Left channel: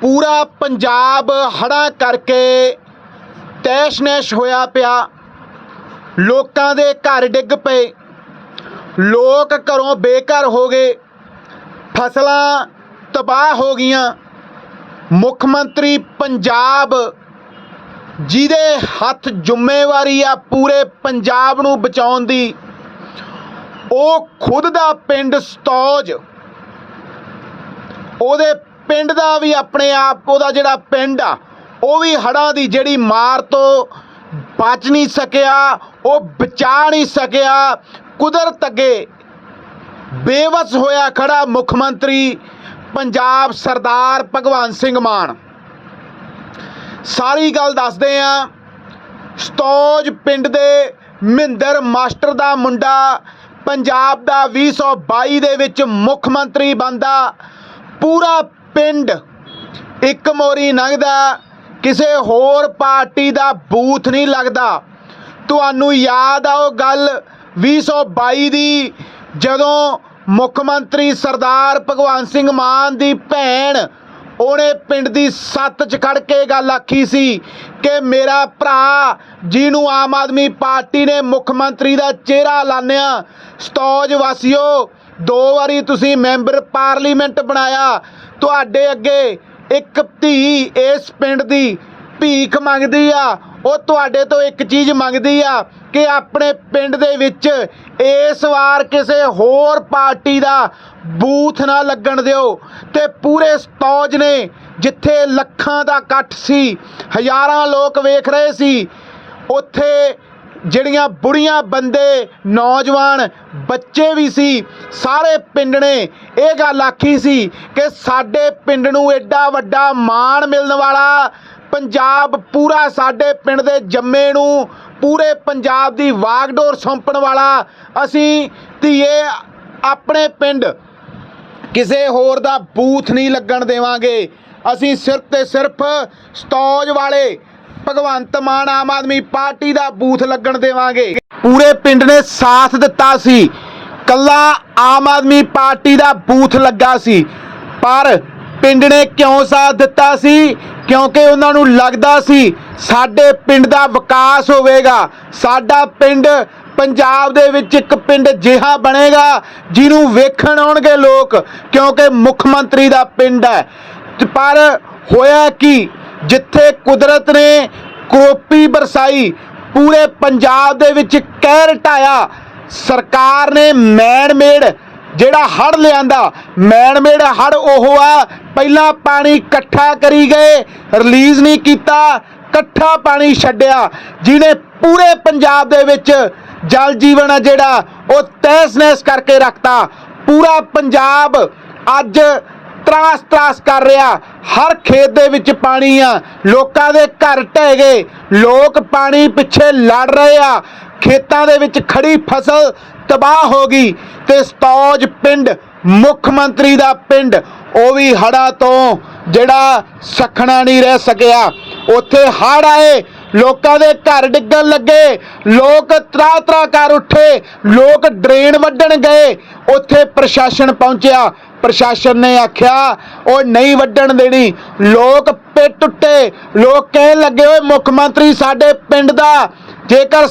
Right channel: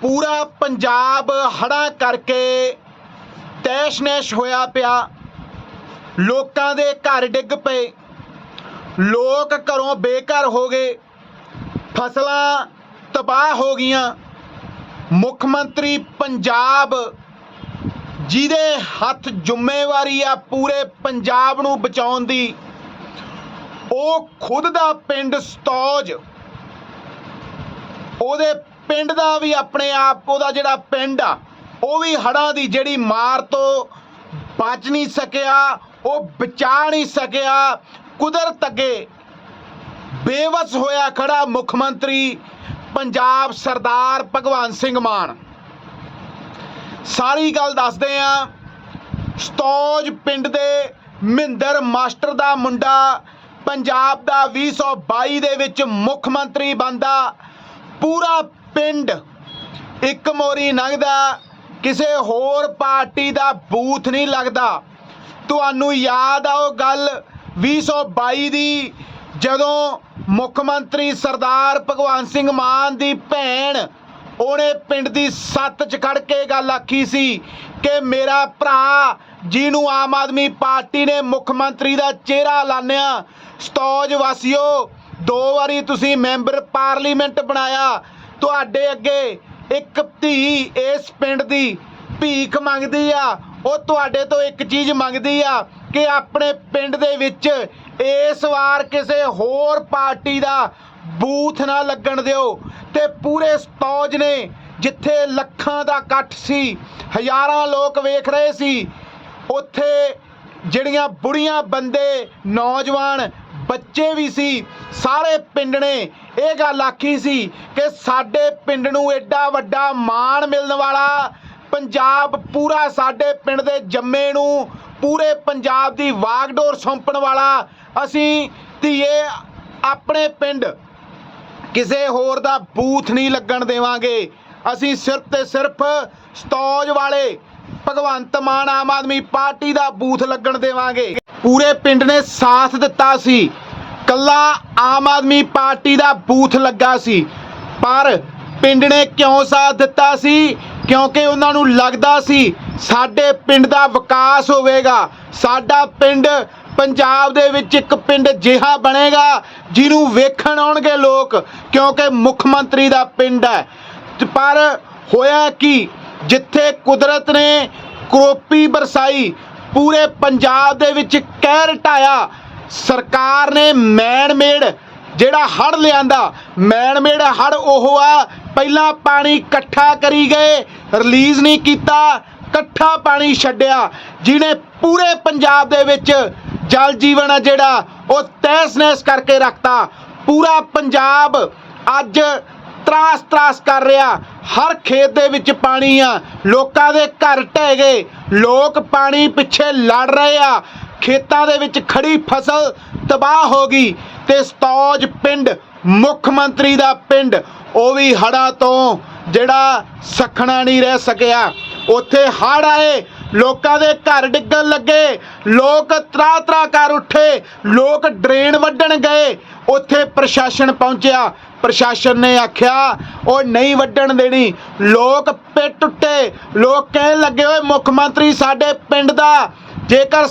ਪੂਰਾ ਪੰਜਾਬ ਹੜਾ ਕਰਕੇ ਤੈਸ਼-ਨੈਸ਼ ਹੋਇਆ ਪਿਆ। ਲੋਕਾਂ ਦੇ ਘਰ ਡਿੱਗ ਪਏ। ਲੋਕ ਘਰੋਂ ਬੇਘਰ ਹੋ ਗਏ। ਫਸਲਾਂ ਤਬਾਹ ਹੋ ਗਈਆਂ। ਮੁੱਖ ਮੰਤਰੀ ਪੰਜਾਬ ਜਿਹਦੇ ਹੱਥ ਜ਼ਿੰਮੇਵਾਰੀ ਆ ਪੂਰੇ ਪੰਜਾਬ ਨੂੰ ਬਚਾਉਣ ਦੀ, ਉਹ ਖੁਦ ਦਾ ਪਿੰਡ ਸਤੌਜ, ਉਹਦੇ ਪਿੰਡ ਦਾ ਵੀ ਆਪਣੇ ਆਪ, ਉਹਦਾ ਜਿਹੜਾ ਪਿੰਡ ਆ, ਉਹ ਵੀ ਹੜਾਂ ਦੀ ਜਿਹੜੀ ਮਾਰ ਤੋਂ ਬਚ ਨਹੀਂ ਸਕਿਆ, ਉਹ ਬਚਾ ਨਹੀਂ ਸਕਿਆ। ਕੁਦਰਤ ਅੱਗੇ ਬੇਵਸ ਹੋਇਆ ਖੜਾ ਮੁੱਖ ਮੰਤਰੀ ਪੰਜਾਬ ਸਰਦਾਰ ਭਗਵੰਤ ਸਿੰਘ ਮਾਨ। ਸਾਰੀ ਗੱਲ ਦੱਸਦੇ ਆ, ਸਤੌਜ ਪਿੰਡ ਦੇ ਮਹਿੰਦਰ ਮਾਸਟਰ ਦਾ ਮੁੰਡਾ, ਪੰਜਾਬ ਦਾ 2022 ਦੇ ਵਿੱਚ ਮੁੱਖ ਮੰਤਰੀ ਬਣਦਾ, ਪੂਰਾ ਪਿੰਡ ਇੱਕ ਮੋਰੀ ਲੰਘਦਾ, ਕਿਸੇ ਹੋਰ ਪਾਰਟੀ ਦਾ ਬੂਥ ਨਹੀਂ ਲੱਗਦਾ। ਤੁਹਾਨੂੰ ਯਾਦ ਆ ਉਹ ਗੱਲ 2022 ਦੀ, ਜਦੋਂ ਮੁੱਖ ਮੰਤਰੀ ਸਰਦਾਰ ਭਗਵੰਤ ਸਿੰਘ ਮਾਨ ਦੀ ਭੈਣ ਉਹਨੇ ਪਿੰਡ ਦੀ ਸੱਤ 'ਚ ਖੜ ਕੇ ਗੱਲ ਆਖੀ ਸੀ ਕਿ ਮੇਰਾ ਭਰਾ ਜਿਹਨੂੰ ਆਮ ਆਦਮੀ ਪਾਰਟੀ ਨੇ ਮੁੱਖ ਮੰਤਰੀ ਦਾ ਚਿਹਰਾ ਲਾਣਿਆ ਸਤੌਜ ਵਾਸੀਓ ਦੋ ਵਾਰੀ ਤੁਸੀਂ ਮੈਂਬਰ ਪਾਰਲੀਮੈਂਟ ਬਣਾਇਆ। ਤੁਹਾਡੇ ਅੱਗੇ ਇੱਕ ਧੀ ਇਸ ਪਿੰਡ ਦੀ ਭੀਖ ਮੰਗਦੀ ਆ। ਉਹ ਤੁਹਾਡੇ ਤੋਂ ਇੱਕ ਚੀਜ਼ ਮੰਗਦੀ ਆ ਕਿ ਆਪਣੇ ਪਿੰਡ ਦੇ ਵਿੱਚ ਇਸ ਵਾਰ ਕਿਸੇ ਹੋਰ ਪਾਰਟੀ ਦਾ ਬੂਥ ਨਾ ਲੱਗਣ ਦਿਓ ਤੇ ਪੂਰੇ ਸਤੌਜ ਨੇ ਜਿੱਥੇ ਲੱਖਾਂ ਦਾ ਇਕੱਠ ਸੀ, ਹਜ਼ਾਰਾਂ ਲੋਕ ਵੇਖ ਰਹੇ ਸੀ, ਉੱਥੇ ਜਿਹੜੀਆਂ ਬੁੜੀਆਂ ਬੰਦੇ, ਨੌਜਵਾਨ, ਬੱਚੇ ਵੀ ਸੀ, ਸਾਰੇ ਪਿੰਡ ਨੇ ਇਹ ਗੱਲ ਆਖੀ ਸੀ ਕਿ ਸਾਡੇ ਪਿੰਡ ਨੂੰ ਐਡਾ ਵੱਡਾ ਮਾਣ ਮਿਲਣ ਵਾਲਾ ਪੰਜਾਬ ਪੂਰਾ ਸਾਡੇ ਪਿੰਡ ਦੇ ਜੰਮੇ ਨੂੰ ਪੂਰੇ ਪੰਜਾਬ ਦੀ ਵਾਗਡੋਰ ਸੌਂਪਣ ਵਾਲਾ ਅਸੀਂ ਧੀਏ ਆਪਣੇ ਪਿੰਡ ਕਿਸੇ ਹੋਰ ਦਾ ਬੂਥ ਨਹੀਂ ਲੱਗਣ ਦੇਵਾਂਗੇ। ਅਸੀਂ ਸਿਰਫ ਤੇ ਸਿਰਫ ਸਤੌਜ ਵਾਲੇ ਭਗਵੰਤ ਮਾਨ ਆਮ ਆਦਮੀ ਪਾਰਟੀ ਦਾ ਬੂਥ ਲੱਗਣ ਦੇਵਾਂਗੇ। ਪੂਰੇ ਪਿੰਡ ਨੇ ਸਾਥ ਦਿੱਤਾ ਸੀ। ਕੱਲਾ ਆਮ ਆਦਮੀ ਪਾਰਟੀ ਦਾ ਬੂਥ ਲੱਗਾ ਸੀ। ਪਰ ਪਿੰਡ ਨੇ ਕਿਉਂ ਸਾਥ ਦਿੱਤਾ ਸੀ? ਕਿਉਂਕਿ ਉਹਨਾਂ ਨੂੰ ਲੱਗਦਾ ਸੀ, ਸਾਡੇ ਪਿੰਡ ਦਾ ਵਿਕਾਸ ਹੋਵੇਗਾ। ਸਾਡਾ ਪਿੰਡ ਪੰਜਾਬ ਦੇ ਵਿੱਚ ਇੱਕ ਪਿੰਡ ਜਿਹਾ ਬਣੇਗਾ, ਜਿਹਨੂੰ ਵੇਖਣ ਆਉਣਗੇ ਲੋਕ, ਕਿਉਂਕਿ ਮੁੱਖ ਮੰਤਰੀ ਦਾ ਪਿੰਡ ਹੈ। ਪਰ ਹੋਇਆ ਕਿ? ਜਿੱਥੇ ਕੁਦਰਤ ਨੇ ਕਰੋਪੀ ਬਰਸਾਈ, ਪੂਰੇ ਪੰਜਾਬ ਦੇ ਵਿੱਚ ਕਹਿਰ ਢਾਇਆ। ਸਰਕਾਰ ਨੇ ਮੈਨ ਮੇਡ ਜਿਹੜਾ ਹੜ ਲਿਆਂਦਾ ਮੈਨ ਮੇਡ ਹੜ ਉਹ ਆ, ਪਹਿਲਾਂ ਪਾਣੀ ਇਕੱਠਾ ਕਰੀ ਗਏ, ਰਿਲੀਜ਼ ਨਹੀਂ ਕੀਤਾ, ਇਕੱਠਾ ਪਾਣੀ ਛੱਡਿਆ, ਜਿਹਨੇ ਪੂਰੇ ਪੰਜਾਬ ਦੇ ਵਿੱਚ ਜਲ ਜੀਵਨ ਆ ਜਿਹੜਾ, ਉਹ ਤਹਿਸ-ਨਹਿਸ ਕਰਕੇ ਰੱਖਤਾ। ਪੂਰਾ ਪੰਜਾਬ ਅੱਜ ਤਰਾਸ ਤਰਾਸ ਕਰ ਰਿਹਾ। ਹਰ ਖੇਤ ਦੇ ਵਿੱਚ ਪਾਣੀ ਆ। ਲੋਕਾਂ ਦੇ ਘਰ ਢਹਿ ਗਏ। ਲੋਕ ਪਾਣੀ ਪਿੱਛੇ ਲੜ ਰਹੇ ਆ। ਖੇਤਾਂ ਦੇ ਵਿੱਚ ਖੜੀ ਫਸਲ ਤਬਾਹ ਹੋ ਗਈ ਤੇ ਸਤੌਜ ਪਿੰਡ, ਮੁੱਖ ਮੰਤਰੀ ਦਾ ਪਿੰਡ, ਉਹ ਵੀ ਹੜਾ ਤੋਂ ਜਿਹੜਾ ਸਖਣਾ ਨਹੀਂ ਰਹਿ ਸਕਿਆ। ਉੱਥੇ ਹੜ ਆਏ। ਲੋਕਾਂ ਦੇ ਘਰ ਡਿੱਗਣ ਲੱਗੇ। ਲੋਕ ਤਰਾ ਤਰਾ ਕਰ ਉੱਠੇ। ਲੋਕ ਡਰੇਨ ਵੱਢਣ ਗਏ। ਉੱਥੇ ਪ੍ਰਸ਼ਾਸਨ ਪਹੁੰਚਿਆ। ਪ੍ਰਸ਼ਾਸਨ ਨੇ ਆਖਿਆ, ਉਹ ਨਹੀਂ ਵੱਢਣ ਦੇਣੀ। ਲੋਕ ਪਿੱਟ ਟੁੱਟੇ ਲੋਕ ਕਹਿਣ ਲੱਗੇ, ਓਏ, ਮੁੱਖ ਮੰਤਰੀ ਸਾਡੇ ਪਿੰਡ ਦਾ, ਜੇਕਰ